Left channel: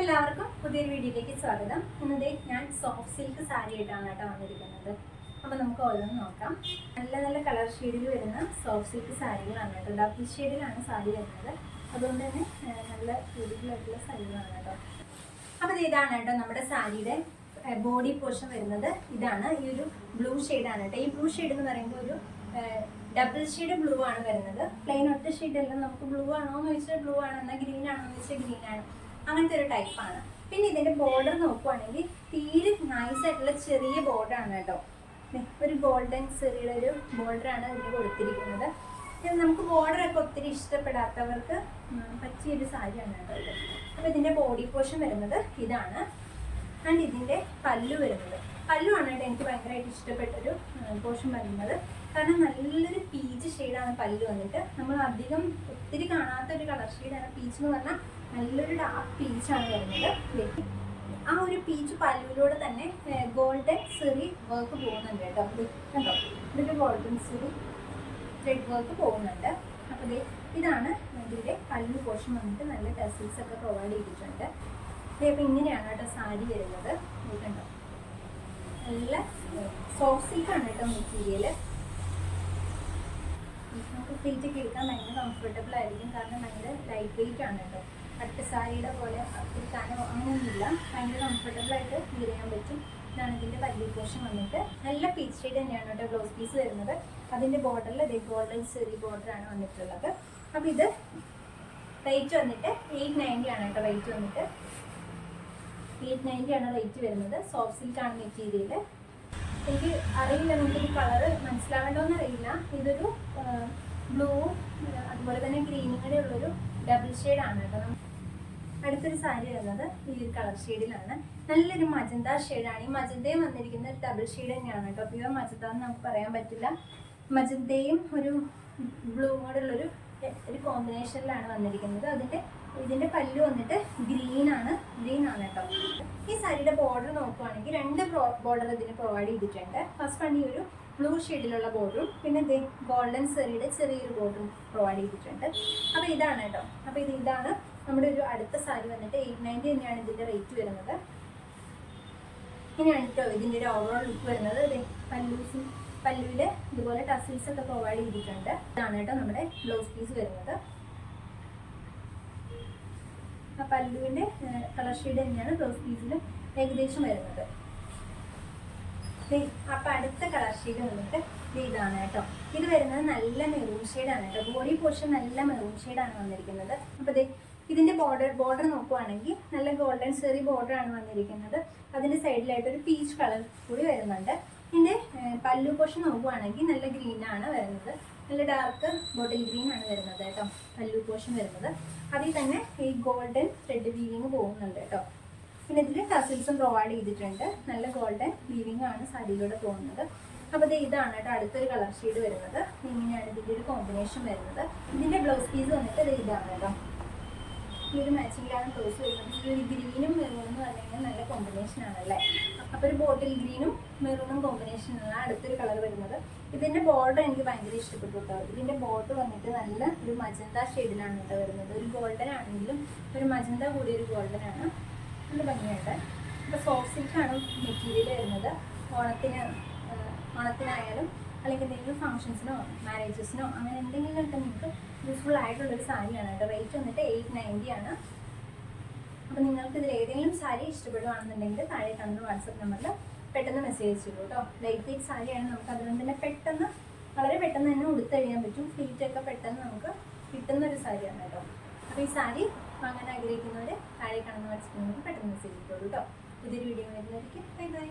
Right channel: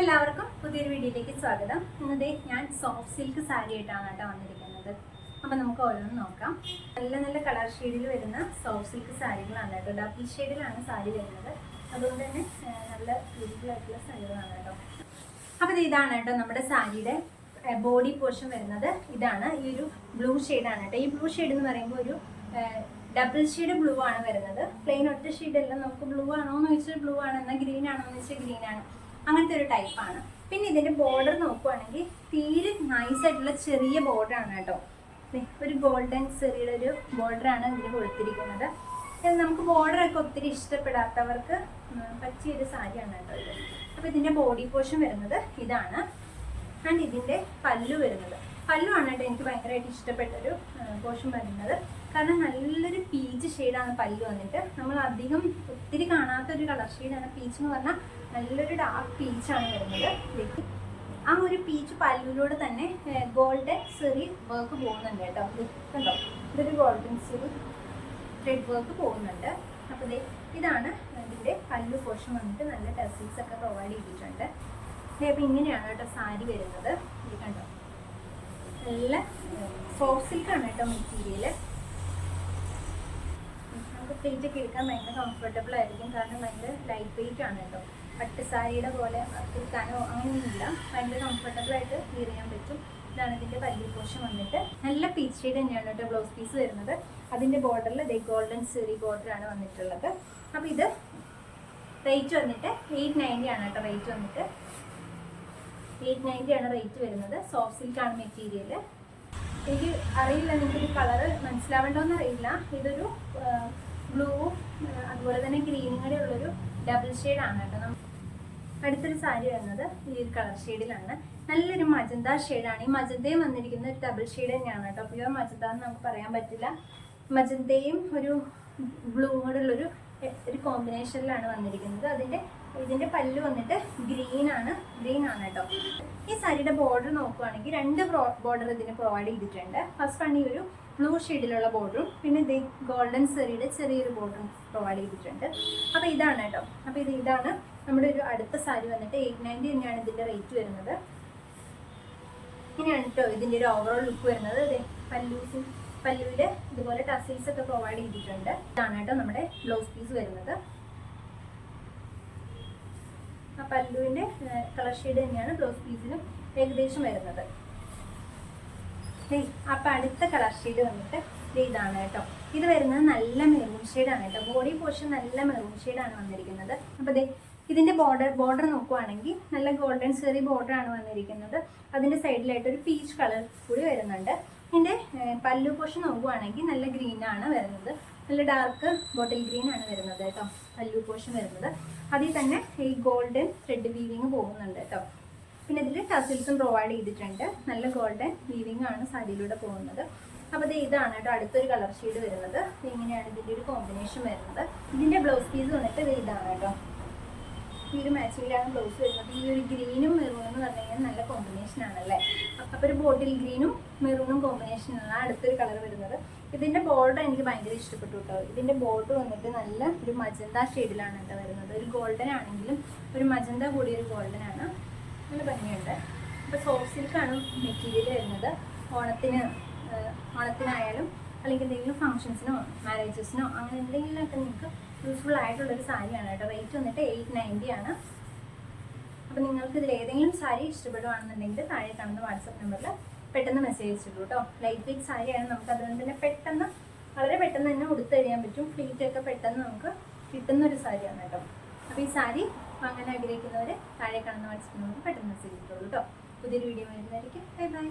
എല്ലാവർക്കും പുതിയൊരു വീഡിയോയിലേക്ക് സ്വാഗതം. ഇന്നത്തെ ഞാൻ സോഫ്റ്റ് സിൽക്ക് സാരി ആയിട്ടാണ് കേട്ടോ വന്നിരിക്കുന്നത്. അപ്പോൾ നമുക്ക് ഓരോന്ന് നോക്കാം. നല്ല നല്ല കളർ ഷെയ്ഡിൽ വരുന്ന സോഫ്റ്റ് സിൽക്ക് സാരികളാണ് കേട്ടോ. ഡബിൾ ഷെയ്ഡിലാണ് സാരി വരുന്നത്. അതുകൊണ്ട് തന്നെ നല്ല ബ്യൂട്ടിഫുൾ ആയിട്ടുള്ള സാരികളാണ് കേട്ടോ. അപ്പോൾ ഇത് ഇതാണ് കേട്ടോ നമ്മുടെ സാരിയുടെ ബോഡി പോർഷൻ വരുന്നത്. ഇതാണ് ഈ ഒരു ബ്ലൂ ആണ് കേട്ടോ. ഈ ബ്ലൂ ഷെയ്ഡ് എന്ന് പറയുമ്പോൾ ഒരു ഡബിൾ ഷെയ്ഡ് ബ്ലൂ ആണ് വരുന്നത്. പ്ലെയിൻ ഒറ്റ ഷെയ്ഡ് എല്ലാം നമുക്ക് ബ്ലൂ ആണോ എന്ന് വെച്ചാൽ ബ്ലൂ ആണ്. എന്നാൽ ഗ്രീൻ ആണോ എന്ന് വെച്ചാൽ ഗ്രീൻ ആണ്. അങ്ങനത്തെ ഒരു ടൈപ്പാണ് പിന്നെ ഇതിന്റെ ബോർഡർ നോക്കുവാണെങ്കിൽ തീരെ നൈസ് ആയിട്ടുള്ള ചെറിയ ബോർഡർ ആണ് കേട്ടോ. ഒരു ഗോൾഡൻ ചെറിയുടെ ഒരു ബോർഡർ ആണ് ഇതിന് കൊടുത്തിരിക്കുന്നത്. നമുക്ക് ബോർഡർ ഒക്കെ ഒത്തിരി ഇഷ്ടപ്പെടാത്തവർക്ക് പറ്റിയൊരു സാരിയാണ് കേട്ടോ ഇത്. അപ്പോൾ ഇതിന്റെ ബോഡി പോർഷൻ വരുന്നത് ഇതാണ്. ആൻഡ് ഇതിന്റെ പല്ലു വരുന്നത്. പല്ലു ആണ് കേട്ടോ എനിക്ക് ഭയങ്കരമായിട്ട് ഇഷ്ടപ്പെട്ടൊരു പോർഷൻ വരുന്നത്. കാരണം നല്ലൊരു പീച്ച് ഷെയ്ഡാണ് പല്ലു വന്നിട്ട്. നമ്മൾ അധികം ഒരു കളർ ഷെയ്ഡാണ് പീച്ച് എന്ന് പറഞ്ഞാൽ നല്ലൊരു ഡാർക്ക് പീച്ചാണ് വരുന്നത്. ആ ഒരു പീച്ച് പല്ലുവിലൂടെ തന്നെ ഗോൾഡൻ സെറി വർക്ക് പോകുന്നുണ്ട് കേട്ടോ. കണ്ടോ? ഇതൊരു ഗോൾഡൻ സെറി ത്രെഡ് വർക്ക് പോകുന്നുണ്ട്. അപ്പോൾ ഇതാണ് ഇതിന്റെ പല്ലു പോർഷൻ വന്നിട്ട് നല്ല ടെസിൽസ് ഒക്കെ പ്രൊവൈഡ് ചെയ്തിട്ടുണ്ട്. അപ്പോൾ ഇങ്ങനെയാണ് കേട്ടോ സാരി വരുന്നത്. കണ്ടോ? നല്ല സോഫ്റ്റ് സിൽക്കാണ് കേട്ടോ മെറ്റീരിയൽ നമുക്ക് പ്ലേറ്റ് കേൾക്കാൻ ഭയങ്കര കംഫർട്ടബിൾ ആയിരിക്കും. കാരണം ഭയങ്കര ലൈറ്റ് വെയിറ്റ് ആണ് കേട്ടോ. പട്ട് സാരിയുടെ പോലെ എടുക്കാനോ അങ്ങനെയൊന്നുമില്ല. ഭയങ്കര കംഫർട്ടബിൾ ആയിട്ട് ഫീൽ ചെയ്യാൻ പറ്റും. ഇതാണ് ഇതിന്റെ പല്ലി പോർഷൻ വന്നിട്ട്. നല്ല പീച്ച് ഷെയ്ഡ് തന്നെയാണ് കേട്ടോ ബ്ലൗസ് പീസ് വരുന്നത്. അതിന്റെ ബോർഡറിൽ ഇതേ ഗോൾഡൻ സെറി ബോർഡറാണ് വന്നിട്ടുള്ളത്. അപ്പോൾ ഇത് റേറ്റ് വന്നിട്ട് എയ്റ്റ് നയന്റി ആണ് കേട്ടോ റേറ്റ് വന്നിട്ട്. എയ്റ്റ് നയന്റി ആണ് റേറ്റ് വരുന്നത്. സോഫ്റ്റ് സിൽക്ക് ആണ് മെറ്റീരിയൽ എനിക്ക് അറിയില്ല നിങ്ങൾക്ക് കളർ മനസ്സിലാവേണ്ടോന്ന് അറിയില്ല. ഇതൊരു ബ്ലൂ അതുപോലെ തന്നെ ഗ്രീനും കൂടെ ഉള്ളൊരു ഡബിൾ ഷെയ്ഡാണ് കേട്ടോ. അടുത്തൊരു സാരി വരുന്നത് ഈ ഒരു കളർ ഷെയ്ഡിലാണ്. നല്ലൊരു മജന്ത ഷെയ്ഡാണ്. ഈ മജന്തയും വന്നിരിക്കുന്ന ഒരു ഡബിൾ ഷെയ്ഡ് തന്നെയാണ് കേട്ടോ. പ്യുവർ മജന്ത എന്ന് നമുക്ക് പറയാൻ പറ്റില്ല. മജന്തയും ഒരു ബ്ലൂ കൂടെ ഉള്ളൊരു ഒരു കോമ്പിനേഷനിലാണ് വന്നിരിക്കുന്നത്. അതിന്റെ ഇതിന്റെ പല്ല് വന്നിട്ട് ഗ്രീൻ ആണ്. ഗ്രീൻ ആണ് കേട്ടോ. ഈ സാരിയുടെ ബോർഡർ നോക്കുവാണെങ്കിൽ രണ്ട് ബോർഡർ ഇതിന് പ്രൊവൈഡ് ചെയ്തിട്ടുണ്ട്. ഫസ്റ്റ് വൺ ഈ ഒരു ബ്ലൂ ഷെയ്ഡിലുള്ള ബോർഡറും പിന്നെ ഇത് ഗോൾഡൻ സെറിയുടെ ചെറിയൊരു ബോർഡറും പ്രൊവൈഡ് ചെയ്തിട്ടുണ്ട്. അപ്പോൾ ഇതാണ് കേട്ടോ. അപ്പോൾ ഇത് ഇതാണ് നമ്മുടെ ഒരു അടുത്ത സാരി വന്നിട്ട് എയ്റ്റ് നയന്റി തന്നെയാണ് ഇതിന്റെ റേറ്റ് വരുന്നത്. ഇങ്ങനെയാണ് കേട്ടോ ഇതിന്റെ ഒരു ഓവറോൾ ലുക്ക് വരുന്നത്. പല്ലൂസ് പല്ലുവിൽ ഇതുപോലെ ടസിൽസ് ഒക്കെ പ്രൊവൈഡ് ചെയ്തിട്ടുണ്ട്. ഇതാണ് കേട്ടോ നമ്മുടെ ബ്ലൗസ് പീസ് വരുന്നത്. ആ പല്ലുവിന്റെ കളർ ഷെയ്ഡ് തന്നെയാണ് ബ്ലൗസ് പീസിന് ഏകദേശം വരുന്നത്. അപ്പൊ അടുത്ത കളർ ഷെയ്ഡ് വന്നിട്ട് ഇതാണ് കേട്ടോ. ഇത് വരുന്നത് നല്ല മെറൂൺ ഷെയ്ഡാണ് കേട്ടോ. ബോഡി പോർഷൻ നല്ല മെറൂൺ ഷെയ്ഡാണ് വന്നിരിക്കുന്നത്. അപ്പൊ ദേ ബോർഡർ ബോർഡർ നോക്കുവാണെങ്കിൽ നല്ല ഗോൾഡൻ സെറി ബോർഡർ ആണ് വന്നിരിക്കുന്നത്. അതിന്റെ സൈഡിലായിട്ട് ഒരു പീച്ച് കളർ കൂടി വരുന്നുണ്ട്. ഇതിന്റെ പല്ലു പോഷൻ നോക്കുകയാണെങ്കിൽ നല്ല ഗ്രീൻ ആണ് വരുന്നത്. നല്ല ഡാർക്ക് ബോട്ടിൽ ഗ്രീൻ ആണ് വരുന്നത് കേട്ടോ. പല്ലു പോഷൻ വരുന്നത്. അതിൽ തന്നെ ഈ ഗോൾഡൻ ത്രെഡ് വീവിങ് പോകുന്നുണ്ട് കേട്ടോ. പിന്നെ ഇതിൽ ടസിൽസും പ്രൊവൈഡ് ചെയ്തിട്ടുണ്ട്. നല്ല ഗോൾഡൻ വീവിങ് ആണ് സാരിയിലൂടെ പോകുന്നത്. അപ്പോൾ ഇത് ഇതാണ് കേട്ടോ അടുത്തൊരു കളർ ഷെയ്ഡ് വരുന്നത്. ഇങ്ങനെയാണ് ഇതിന്റെ ഒരു കോമ്പിനേഷൻ വരുന്നത്. ഇതിന്റെ ബ്ലൗസ് പീസ് വന്നിട്ട് ഇത് ഇതാണ് കേട്ടോ. ഈ ഒരു മാച്ചിങ്ങിലാണ് ബ്ലൗസ് വരുന്നത്. ഈ ഒരു എന്ന് നല്ല കോമ്പിനേഷൻ ആണല്ലേ? അപ്പോൾ ഒരു ബോട്ടിൽ ഗ്രീനും മെറൂണും കോമ്പിനേഷൻ ആണ് അടുത്തൊരു കളർ വരുന്നത്. ഇതിന്റെ ബോർഡർ എനിക്ക് ഭയങ്കര ഇഷ്ടപ്പെട്ടു കേട്ടോ. ഇതിന്റെ ബോർഡർ വന്നിട്ട് നല്ല ഒരു മജന്ത ഷെയ്ഡിലാണ് കേട്ടോ വരുന്നത്. ഒരു ഗോൾഡൻ ആണെങ്കിലും ഒരു മജന്ത കൂടിയ ഒരു ഗോൾഡൻ ആണ്. നല്ല ഭംഗിയുണ്ട്. അപ്പൊ സോഫ്റ്റ് സിൽക്കാണ് മെറ്റീരിയൽ വരുന്നത്. ഓണത്തിന് ഓണത്തിനായാലും അല്ലെങ്കിൽ എന്തെങ്കിലും ഫംഗ്ഷൻസിനോ മാരേജസിനോ അങ്ങനെ എന്തെങ്കിലുമൊക്കെ നിങ്ങൾക്ക് യൂസ്ഫുൾ ആയിട്ടുള്ളൊരു സാരിയാണ് കേട്ടോ. റേറ്റ് വന്നിട്ട് എയ്റ്റ് നയന്റി ആണ്. അപ്പോൾ നിങ്ങൾക്ക് ഇതിൽ ഏതെങ്കിലും സാരി ഇഷ്ടപ്പെടുകയാണെന്നുണ്ടെങ്കിൽ താഴെ കാണുന്ന വാട്സപ്പ് നമ്പറിൽ പെട്ടെന്ന് മെസ്സേജ് അയച്ചിട്ടു കേട്ടോ ലൈറ്റ് വെയിറ്റ് സാരിയാണ് നമുക്ക് അതുകൊണ്ട് തന്നെ പെട്ടെന്ന് വളരെ പെട്ടെന്ന് തന്നെ ഉടുത്ത് കഴിയാൻ പറ്റും. ഫ്ലീറ്റൊക്കെ പെട്ടെന്ന് നമുക്ക് കിട്ടുന്ന ഒരു സാരിയാണ് കേട്ടോ അപ്പോൾ ഈ സാരി വാങ്ങാൻ ആഗ്രഹിക്കുന്നവർ താഴെ കാണുന്ന വാട്സപ്പ് നമ്പറിൽ പെട്ടെന്ന് മെസ്സേജ് ചെയ്തോളൂ കേട്ടോ പുതിയൊരു വീഡിയോ വരുന്നതായിരിക്കും. Bye bye